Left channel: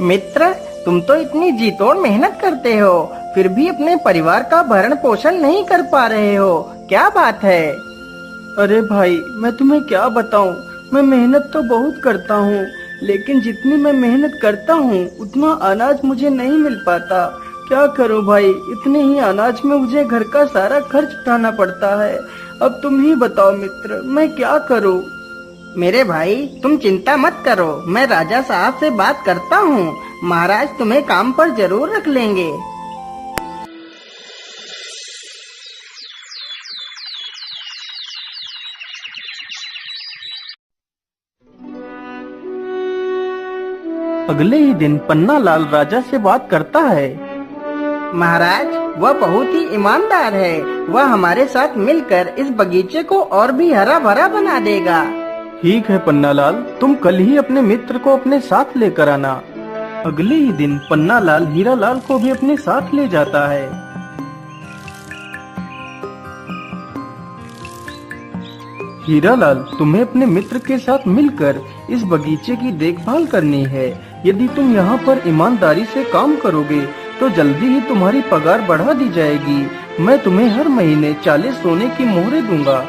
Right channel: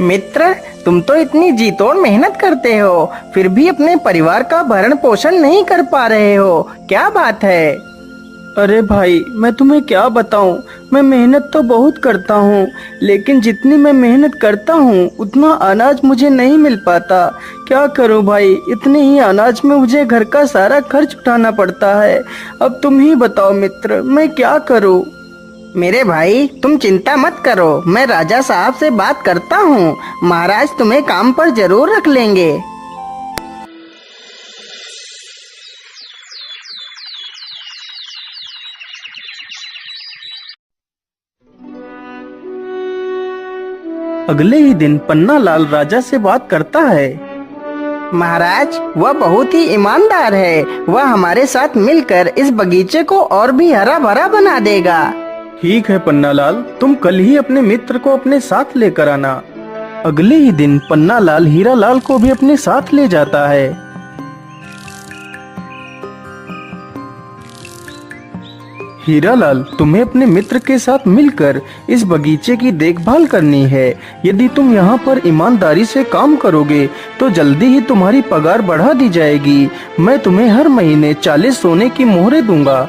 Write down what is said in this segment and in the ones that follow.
मित्र, तुम तो इतनी जी तोड़ मेहनत करते हो, फिर भी अपने परिवार का भरण पोषण नहीं कर पा रहे हो, क्या बात है? अरे भाई, मैं तुम्हें क्या बताऊं। मैं मेहनत तो बहुत करता हूँ, लेकिन जितनी मैं मेहनत करता हूँ उतना अनाज मुझे नहीं मिल पाता। क्या करूँ भाई, इतने ही अनाज में मुझे घर का सारा खर्च उठाना पड़ता है। अब तुम ही बताओ मित्र, मैं क्या करूँ। मेरे भाई, तुम चिंता मत करो, मैं राजा साहब से बात करता हूँ। महाराज तुम्हें काम पर जरूर रख लेंगे। अगले ही दिन पन्ना लाल राजा से बात करता है। महाराज, वह बहुत ही ईमानदार है। वह हमारे साथ मिलकर इस बगीचे को और भी हरा भरा बना देगा। ठीक है पन्ना लाल, तुम कल ही अपने मित्र को अपने साथ लेकर आना। अगले ही दिन पन्ना लाल हीरा लाल को भी अपने साथ ले जाता है। हीरा लाल, तुम्हें अपने मित्र के साथ मिलकर इस बगीचे की देखभाल करनी है। यदि तुम यहाँ पर ईमानदारी से काम करोगे तो जल्दी ही तुम्हारी पगार बढ़ा दी जाएगी। मैं तुम्हें हर महीने 40 सोने की मोहरें दूंगा।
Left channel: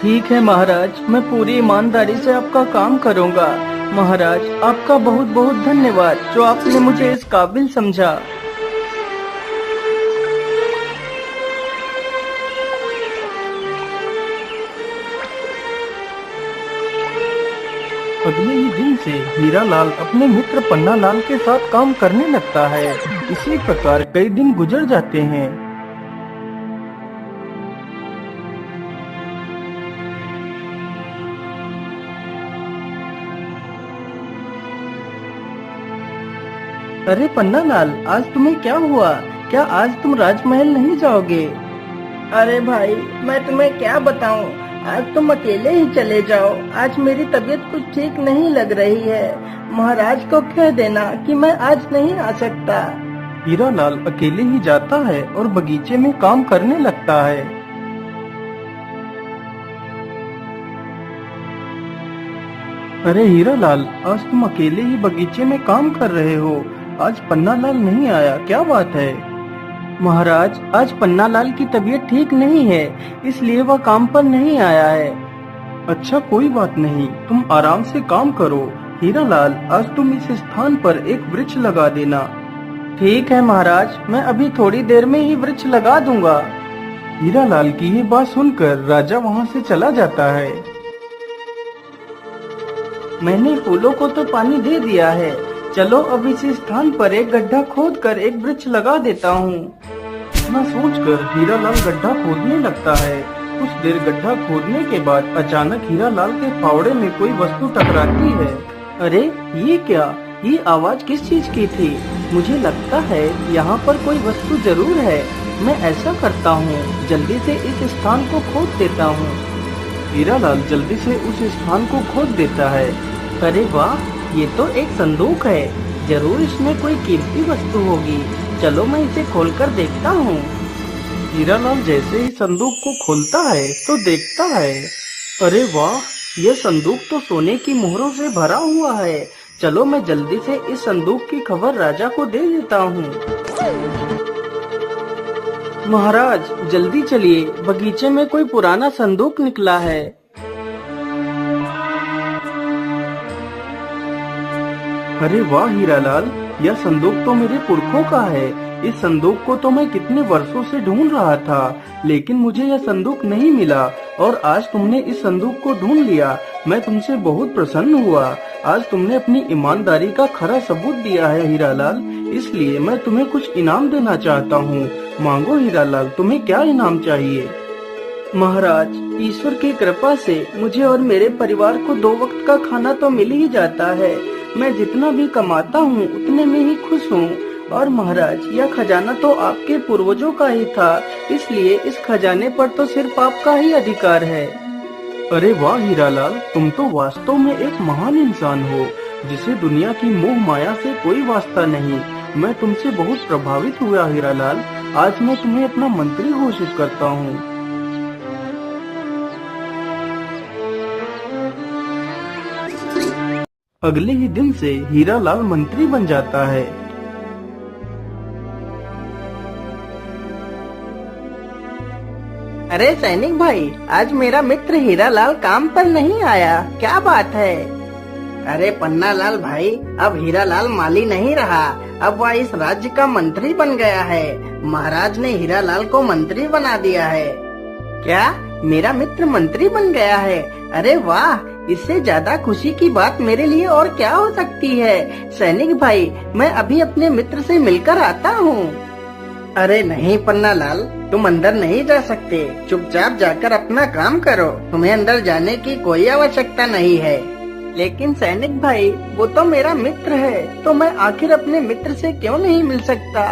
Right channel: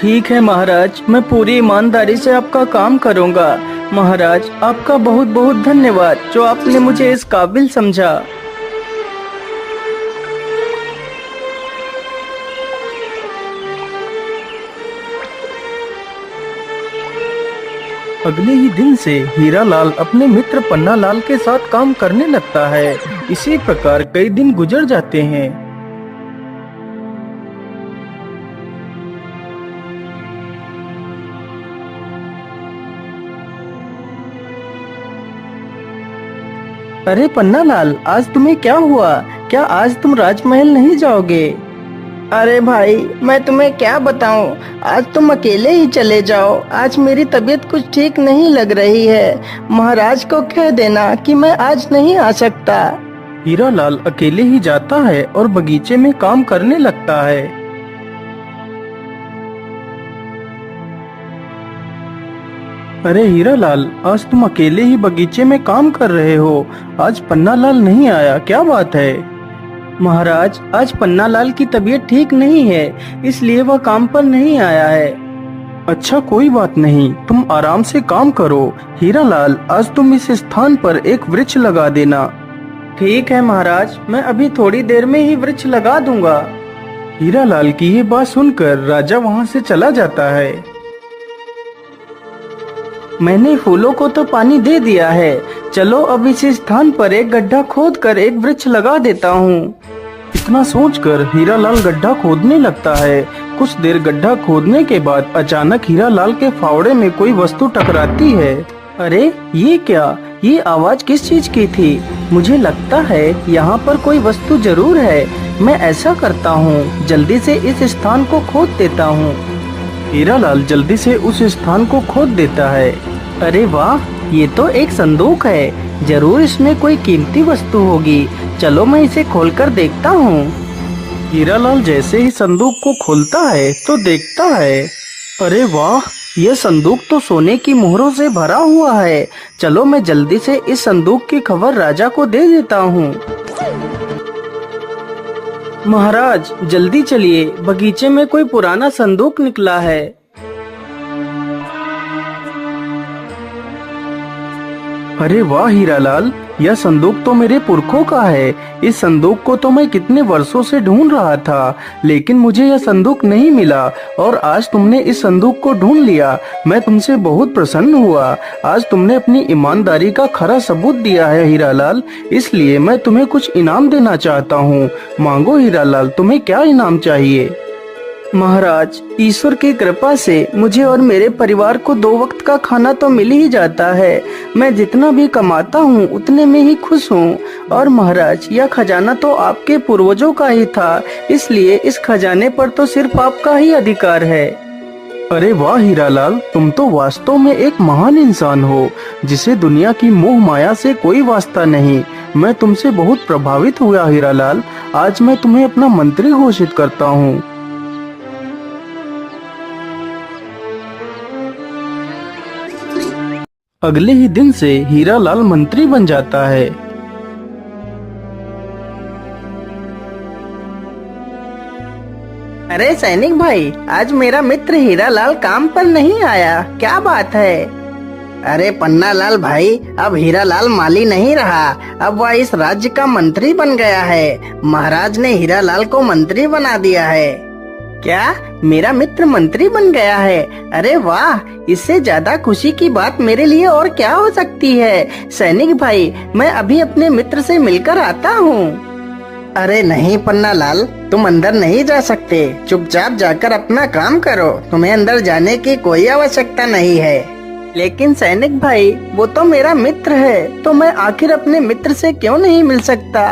ठीक है महाराज, मैं पूरी ईमानदारी से आपका काम करूंगा। महाराज, आपका बहुत बहुत धन्यवाद जो आपने मुझे इस काबिल समझा। अगले ही दिन से हीरा लाल अपने मित्र पन्ना लाल के साथ काम करने लगता है। इसी प्रकार कई दिन गुजर जाते हैं। अरे पन्ना लाल, आज तुम्हें क्या हुआ? क्या आज तुम राजमहल नहीं जाओगे? अरे भाई, मैं तुम्हें क्या बताऊं, आज तुम अकेले ही चले जाओ। आज मेरी तबीयत कुछ ठीक नहीं लग रही है। महाराज को कह देना कि मैं आज नहीं आ सकता। हीरा लाल अकेले ही जाता है और बगीचे में काम करने लगता है। अरे हीरा लाल, आज तुम अकेले ही बगीचे में काम कर रहे हो। आज पन्ना लाल नहीं आया, क्या बात है? महाराज, आज पन्ना लाल की तबीयत ठीक नहीं है, इसलिए वह काम पर नहीं आया है। अच्छा, कोई बात नहीं, तुम आराम से काम करो। हीरा लाल, आज तुम इस स्थान पर एक वृक्ष लगा देना। ठीक है महाराज, मैं अभी थोड़ी देर में ही वृक्ष लगा दूंगा। हीरा लाल की ये बात सुनकर राजा वहाँ से चला जाता है। मैंने फूलों को तो पानी दे दिया है, चलो अब इस स्थान पर एक गड्ढा खोद कर एक वृक्ष लगा देता हूँ। इतना सोचकर हीरा लाल गड्ढा खोदने लगता है। कुछ देर गड्ढा खोदने के बाद अचानक हीरा लाल के फावड़े में कोई वस्तु टकराती है। अरे ये क्या? ये आवाज किस चीज की थी? मुझे लगता है यहाँ पर कोई वस्तु जरूर है। मैं ऐसा करता हूँ, जल्दी से इस स्थान को खोद देता हूँ। हीरा लाल जल्दी से उस स्थान को खोद देता है। अरे वाह, ये तो एक संदूक है। जरूर इसमें कोई कीमती वस्तु होगी। चलो मैं इसे खोलकर देखता हूँ। हीरा लाल जैसे ही संदूक को खोलता है तो देखता है, अरे वाह, ये संदूक तो सोने की मोहरों से भरा हुआ है। चलो मैं जल्दी से इस संदूक की खबर राजा को दे देता हूँ। महाराज जल्दी चलिए, बगीचे में कोई पुराना संदूक निकला है। अरे वाह हीरा लाल, यह संदूक तो मेरे पुरखों का है। इस संदूक को तो मैं कितने वर्षों से ढूंढ रहा था, लेकिन मुझे यह संदूक नहीं मिला और आज तुमने इस संदूक को ढूंढ लिया। मैं तुमसे बहुत प्रसन्न हुआ। आज तुमने अपनी ईमानदारी का खरा सबूत दिया है हीरा लाल, इसलिए मैं तुम्हें कुछ इनाम देना चाहता हूँ। मांगो हीरा लाल, तुम्हें क्या इनाम चाहिए? महाराज, ईश्वर की कृपा से मुझे और मेरे परिवार को 2 वक्त का खाना तो मिल ही जाता है। मैं जितना भी कमाता हूँ उतने में ही खुश हूँ। और महाराज, यह खजाना तो आपके पूर्वजों का ही था, इसलिए इस खजाने पर तो सिर्फ आपका ही अधिकार है। अरे वाह हीरालाल, तुम तो वास्तव में एक महान इंसान हो जिसे दुनिया की मोह माया से कोई वास्ता नहीं। मैं तुमसे बहुत प्रभावित हुआ हीरालाल। आज मैं तुम्हें अपना मंत्री घोषित करता हूँ। अगले ही दिन से हीरालाल मंत्री बन जाता है। अरे सैनिक भाई, आज मेरा मित्र हीरालाल काम पर नहीं आया, क्या बात है? अरे पन्नालाल भाई, अब हीरालाल माली नहीं रहा, अब वह इस राज्य का मंत्री बन गया है। महाराज ने हीरालाल को मंत्री बना दिया है। क्या मेरा मित्र मंत्री बन गया है? अरे वाह, इससे ज्यादा खुशी की बात मेरे लिए और क्या हो सकती है। सैनिक भाई, मैं अभी अपने मित्र से मिलकर आता हूँ। अरे नहीं पन्नालाल, तुम अंदर नहीं जा सकते। चुपचाप जाकर अपना काम करो, तुम्हें अंदर जाने की कोई आवश्यकता नहीं है। लेकिन सैनिक भाई, वो तो मेरा मित्र है, तो मैं आखिर अपने मित्र से क्यों नहीं मिल सकता?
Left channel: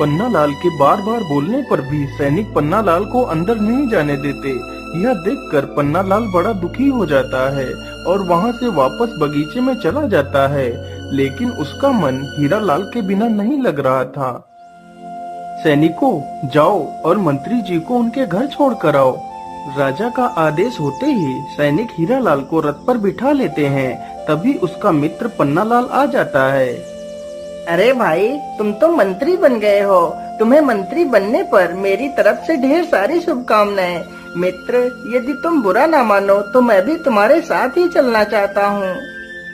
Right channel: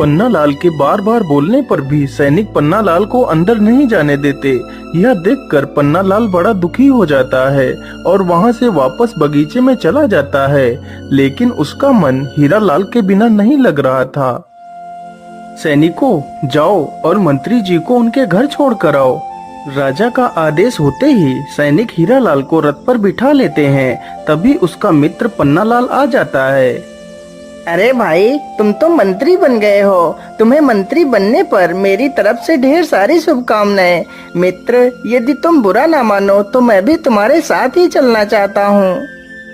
पन्नालाल के बार बार बोलने पर भी सैनिक पन्नालाल को अंदर नहीं जाने देते। यह देखकर पन्नालाल बड़ा दुखी हो जाता है और वहां से वापस बगीचे में चला जाता है। लेकिन उसका मन हीरालाल के बिना नहीं लग रहा था। सैनिकों, जाओ और मंत्री जी को उनके घर छोड़ कर आओ। राजा का आदेश होते ही सैनिक हीरालाल को रथ पर बिठा लेते हैं। तभी उसका मित्र पन्नालाल आ जाता है। अरे भाई, तुम तो मंत्री बन गए हो। तुम्हें मंत्री बनने पर मेरी तरफ से ढेर सारी शुभकामनाएं। मित्र, यदि तुम बुरा ना मानो तो मैं भी तुम्हारे साथ ही चलना चाहता हूँ।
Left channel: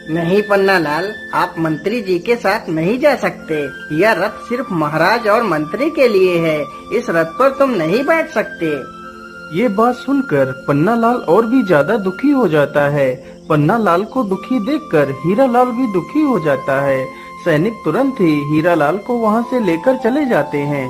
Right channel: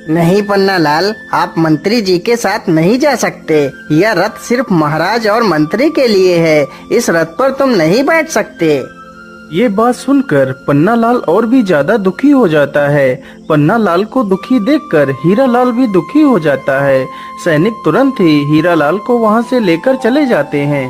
नहीं पन्नालाल, आप मंत्री जी के साथ नहीं जा सकते। यह रथ सिर्फ महाराज और मंत्री के लिए है। इस रथ पर तुम नहीं बैठ सकते। ये बात सुनकर पन्नालाल और भी ज्यादा दुखी हो जाता है। पन्नालाल को दुखी देखकर हीरालाल भी दुखी हो जाता है। सैनिक तुरंत ही हीरालाल को वहां से लेकर चले जाते हैं।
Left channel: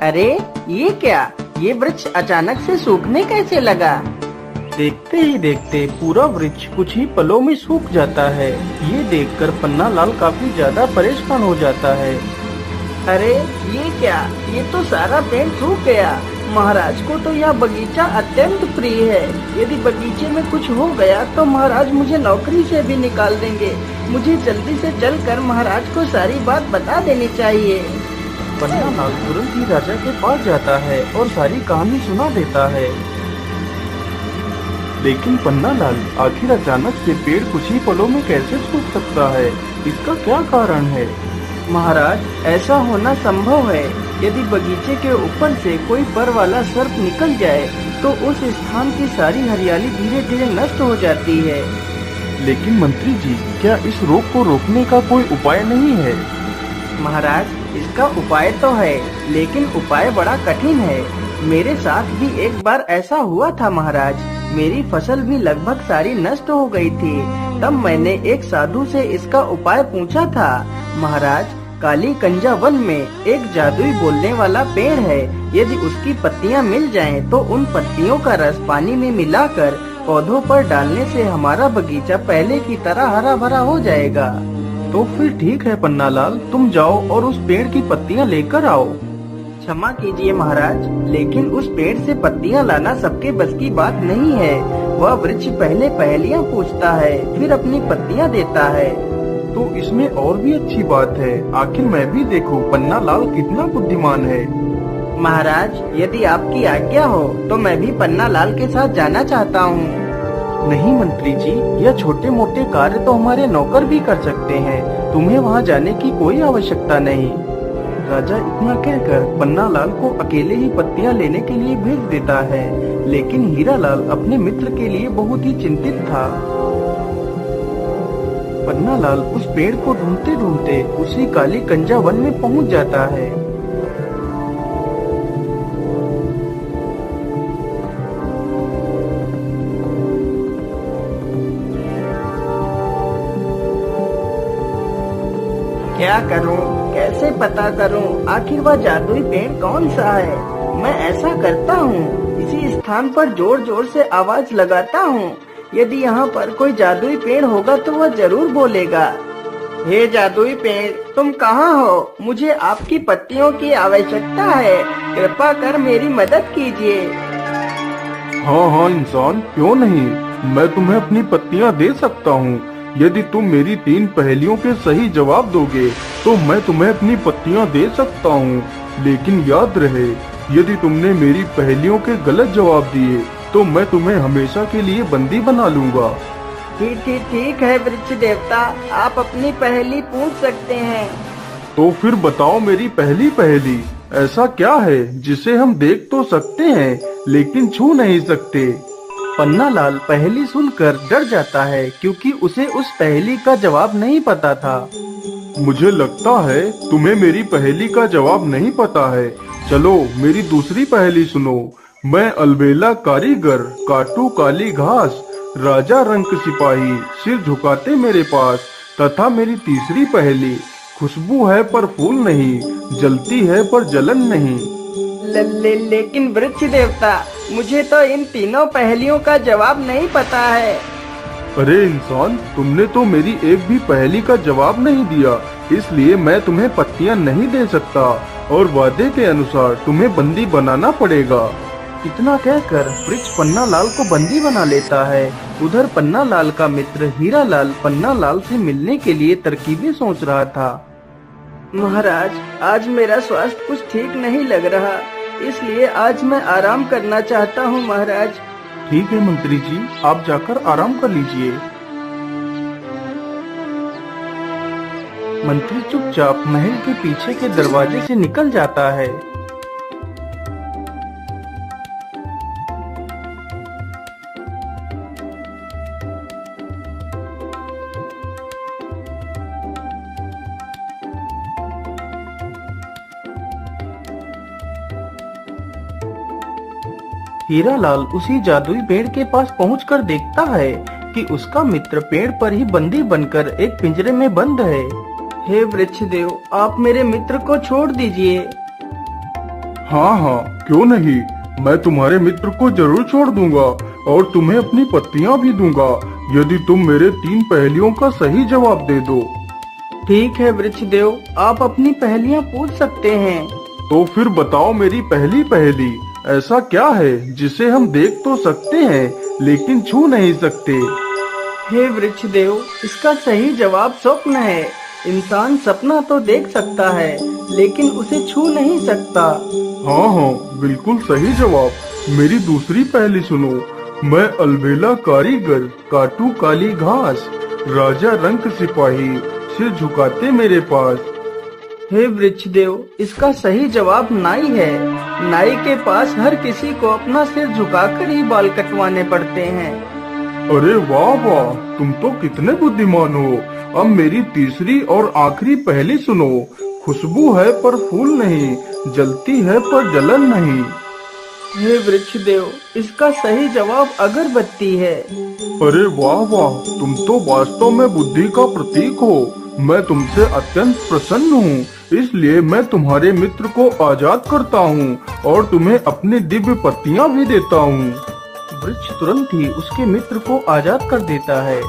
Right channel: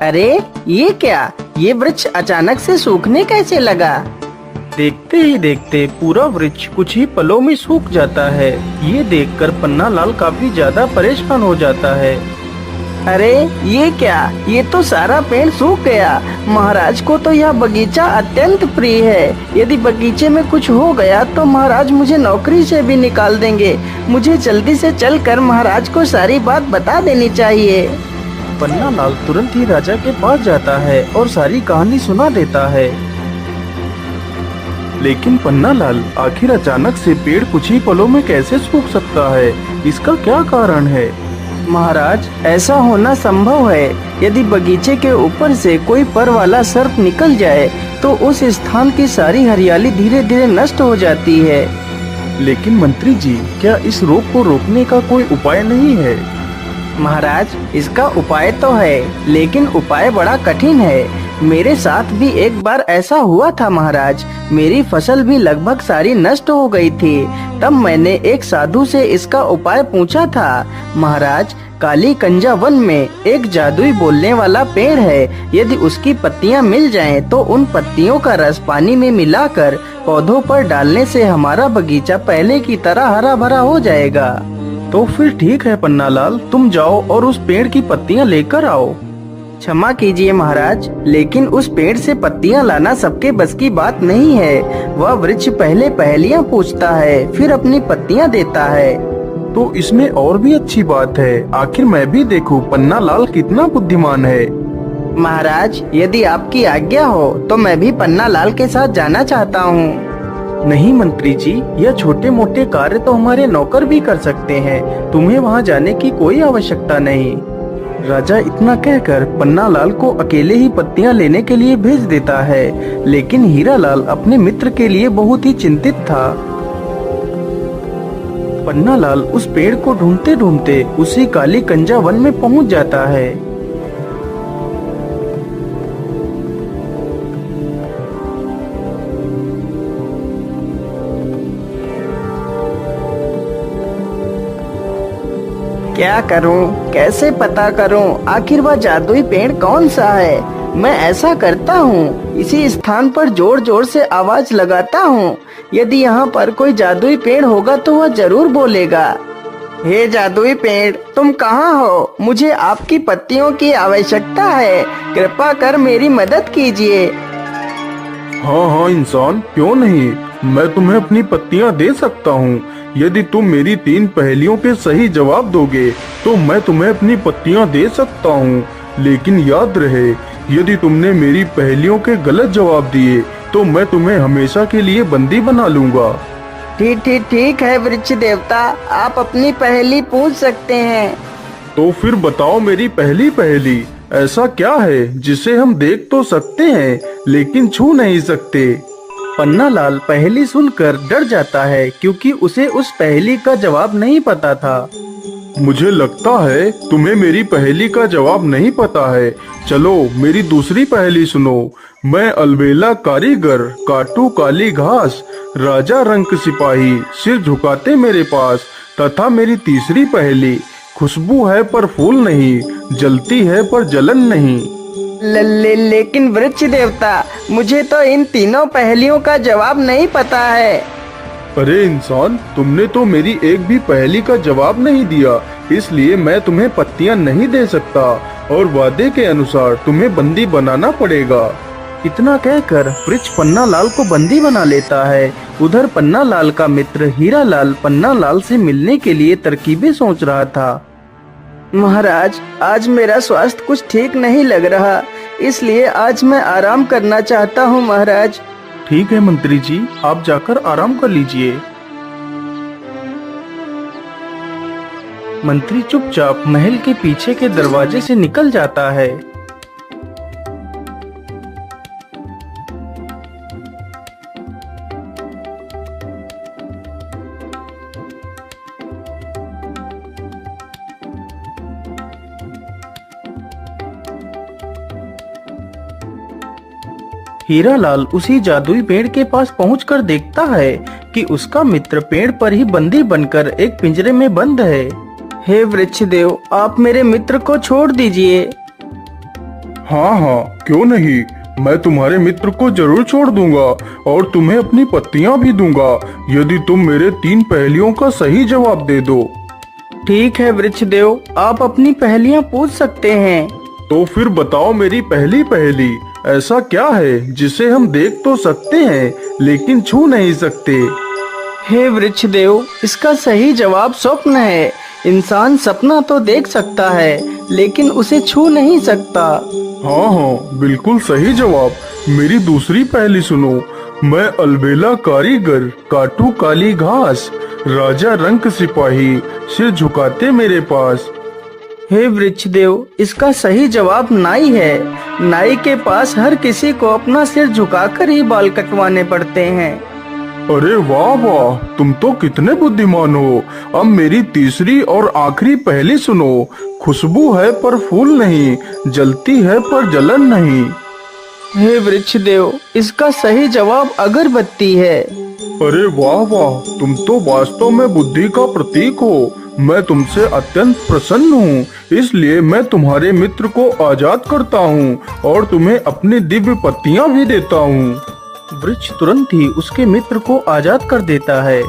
अरे ये क्या? ये वृक्ष अचानक से सूखने कैसे लगा? देखते ही देखते पूरा वृक्ष कुछ ही पलों में सूख जाता है। ये देखकर पन्नालाल काफी ज्यादा परेशान हो जाता है। अरे ये क्या? ये तो सारा पेड़ सूख गया। महाराज को तो यह बगीचा अत्यंत प्रिय है। यदि बगीचे में कुछ हो गया तो महाराज मुझे नौकरी से भी निकाल देंगे। मुझे जल्दी से चलकर महाराज को सारी बात बता देनी चाहिए। पन्नालाल तुरंत ही राजा के पास जाता है और सारी कहानी सुना देता है। लेकिन पन्नालाल, आखिर अचानक से पेड़ कुछ ही पलों में कैसे सूख सकता है? इसका क्या कारण है? महाराज, ऐसा होना संभव है। यदि बगीचे के ऊपर से कोई पर वाला सर्प निकल जाए तो उस स्थान की सारी हरियाली धीरे धीरे नष्ट हो जाती है। लेकिन मंत्री जी, क्या इस रोग को रोकने का कोई उपाय नहीं है? महाराज, इसका उपाय तो है, लेकिन उपाय बड़ा कठिन है। मेरे साथ भी एक बार ऐसा हुआ था महाराज। मेरी फसल भी लगभग सारी नष्ट हो गई थी। तब मैंने एक साधु से इसका उपाय पूछा था। महाराज, काली कंजा वन में एक जादुई बोलने वाला पेड़ है। यदि उसकी पत्तियां मिल जाएं, तो उन पत्तियों का रस पानी में मिलाकर पौधों पर डालने से हमारा बगीचा पहले की तरह हरा भरा हो जाएगा। तो फिर ठीक है पन्नालाल, तुम जाओ और उस पेड़ की पत्तियां लेकर आओ। क्षमा कीजिए महाराज, लेकिन उस पेड़ से पत्तियां लाना सबके बस की बात नहीं है। वह वृक्ष पहले पहेलियां पूछता है, फिर अपनी पत्तियां देता है। तो इसमें और भी अच्छी बात है। आखिर मैं भी देखूं पन्नालाल कितना बुद्धिमान है। महाराज, यदि आपकी आज्ञा हो तो मैं भी पन्नालाल के साथ जाना चाहता हूँ। नहीं मंत्री जी, यह छोटे मोटे कार्य तो हमारे नौकर भी कर सकते हैं। तुम्हें वहां जाने की कोई आवश्यकता नहीं। राजा इतना कहकर पन्नालाल को अकेले ही पत्तियां लेने के लिए भेज देता है। लेकिन हीरालाल अपने मित्र के लिए बहुत ही चिंतित था। पन्नालाल उस पेड़ को ढूंढते ढूंढते उसी काली कंजा वन में पहुंच जाता है। क्या करूं? कैसे पता करूं? आखिर वह जादुई पेड़ कौन सा है? मैं ऐसा करता हूँ, इसी स्थान पर जोर जोर से आवाज लगाता हूँ। यदि यहाँ पर कोई जादुई पेड़ होगा तो वह जरूर बोलेगा। हे जादुई पेड़, तुम कहाँ हो? मुझे आपकी पत्तियों की आवश्यकता है, कृपा कर मेरी मदद कीजिए। हाँ हाँ इंसान, क्यों नहीं, मैं तुम्हें अपनी पत्तियाँ दे सकता हूँ। यदि तुम मेरी 3 पहेलियों के सही जवाब दोगे तो मैं तुम्हें अपनी पत्तियाँ दे सकता हूँ। लेकिन याद रहे, यदि तुमने मेरी पहेलियों के गलत जवाब दिए तो मैं तुम्हें हमेशा के लिए बंदी बना लूंगा। ठीक है वृक्ष देवता, आप अपनी पहेली पूछ सकते हैं। तो फिर बताओ मेरी पहली पहेली, ऐसा क्या है जिसे हम देख तो सकते हैं लेकिन छू नहीं सकते? पन्नालाल पहेली सुनकर डर जाता है क्योंकि उसे उस पहेली का जवाब नहीं पता था। मुझे लगता है तुम्हें मेरी पहेली का जवाब नहीं पता है। चलो मेरी दूसरी पहेली सुनो। मैं अलबेला कारीगर, काटू काली घास, राजा रंक सिपाही, सिर झुकाते मेरे पास। तथा मेरी तीसरी पहेली, खुशबू है पर फूल नहीं, जलती है पर जलन नहीं। लेकिन वृक्ष देवता, मुझे तो इन तीनों पहेलियों का जवाब नहीं पता है। अरे इंसान, तुमने तो मेरी एक भी पहेली का जवाब नहीं दिया, इसलिए मैं तुम्हें पत्तियां नहीं दे सकता और वादे के अनुसार तुम्हें बंदी बनाना पड़ेगा। इतना कहकर वृक्ष पन्नालाल को बंदी बना लेता है। उधर पन्नालाल का मित्र हीरालाल पन्नालाल से मिलने के लिए तरकीबें सोच रहा था। महाराज, आज मेरा स्वास्थ्य कुछ ठीक नहीं लग रहा, इसलिए आज मैं आराम करना चाहता हूँ महाराज। ठीक है मंत्री जी, आप जाकर आराम कर लीजिए। मंत्री चुपचाप महल के पीछे के दरवाजे से निकल जाता है। हीरालाल उसी जादुई पेड़ के पास पहुंचकर देखता है कि उसका मित्र पेड़ पर ही बंदी बनकर एक पिंजरे में बंद है। हे वृक्ष देव, आप मेरे मित्र को छोड़ दीजिए। हाँ हाँ, क्यों नहीं, मैं तुम्हारे मित्र को जरूर छोड़ दूंगा और तुम्हें अपनी पत्तियां भी दूंगा यदि तुम मेरे 3 पहेलियों का सही जवाब दे दो। ठीक है वृक्ष देव, आप अपनी पहेलियां पूछ सकते हैं। तो फिर बताओ मेरी पहली पहेली, ऐसा क्या है जिसे हम देख तो सकते हैं लेकिन छू नहीं सकते? हे वृक्ष देव, इसका सही जवाब स्वप्न है। इंसान सपना तो देख सकता है लेकिन उसे छू नहीं सकता। हाँ हाँ, बिल्कुल सही जवाब। मेरी दूसरी पहेली सुनो। मैं अलबेला कारीगर, काटू काली घास, राजा रंक सिपाही, सिर झुकाते मेरे पास। हे वृक्ष देव, इसका सही जवाब नाई है। नाई के पास हर किसी को अपना सिर झुकाकर ही बाल कटवाने पड़ते हैं। अरे वाह वाह, तुम तो कितने बुद्धिमान हो। अब मेरी तीसरी और आखिरी पहेली सुनो। खुशबू है पर फूल नहीं, जलती है पर जलन नहीं। हे वृक्ष देव, इसका सही जवाब अगरबत्ती है। अरे वाह वाह, तुम तो वास्तव में बुद्धि का प्रतीक हो। मैं तुमसे अत्यंत प्रसन्न हूँ, इसलिए मैं तुम्हारे मित्र को आजाद करता हूँ और तुम्हें अपनी दिव्य पत्तियाँ भी देता हूँ। वृक्ष तुरंत ही उसके मित्र को आजाद कर देता है।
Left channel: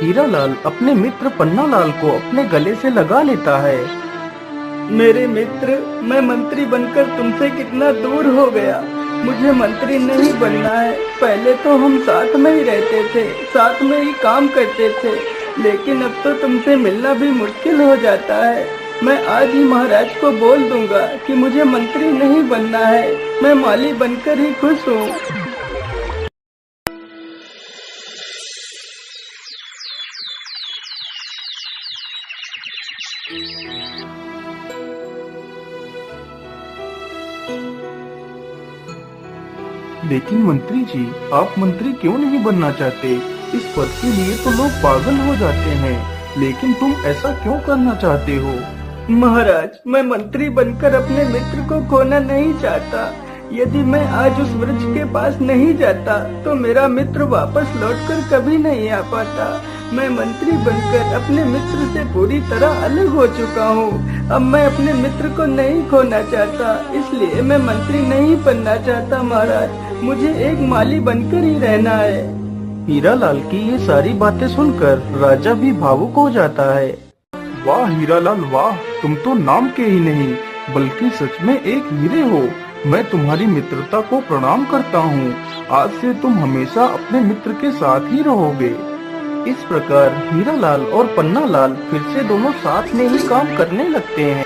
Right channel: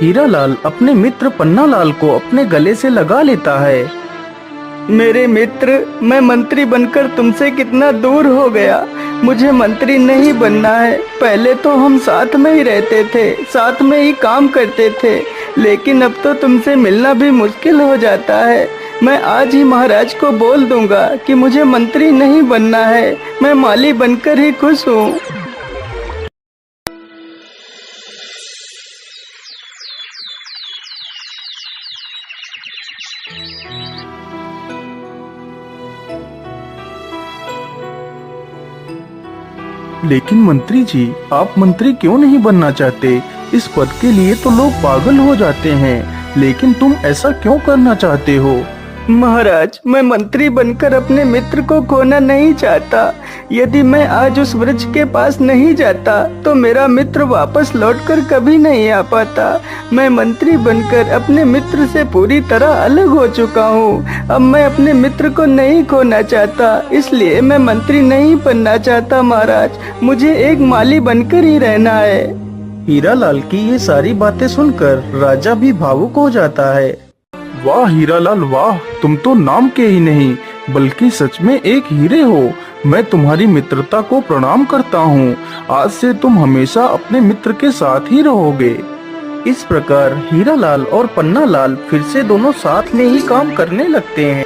हीरालाल अपने मित्र पन्नालाल को अपने गले से लगा लेता है। मेरे मित्र, मैं मंत्री बनकर तुमसे कितना दूर हो गया। मुझे मंत्री नहीं बनना है। पहले तो हम साथ में ही रहते थे, साथ में ही काम करते थे, लेकिन अब तो तुमसे मिलना भी मुश्किल हो जाता है। मैं आज ही महाराज को बोल दूंगा कि मुझे मंत्री नहीं बनना है, मैं माली बनकर ही खुश हूँ। लेकिन मंत्री जी, आप मंत्री क्यों नहीं बनना चाहते? इस पद के लिए तो लोग पागल हो जाते हैं, लेकिन तुम ऐसा क्यों करना चाहते हो? महाराज, मैं मंत्री बनकर अपने मित्र को खोना नहीं चाहता, यदि मैं आज उस वृक्ष के पास नहीं जाता तो मेरा मित्र वापस लौटकर कभी नहीं आ पाता। मैं मंत्री बनकर अपने मित्र से पूरी तरह अलग हो चुका हूँ। अब मैं अपने मित्र को नहीं खोना चाहता, इसलिए मैं मंत्री नहीं बनना चाहता महाराज। मुझे एक माली बनकर ही रहना है। हीरालाल की ये सारी बातें सुनकर राजा भी भावुक हो जाता है। वाह हीरालाल वाह, तुम तो नाम के ही नहीं बल्कि सच में एक हीरे हो। मैं तुम्हारी मित्रता को प्रणाम करता हूँ। आज से तुम हमेशा अपने मित्र के साथ ही रहोगे। इस प्रकार हीरालाल और पन्नालाल फिर से दोनों साथ में ही काम करने लगते हैं।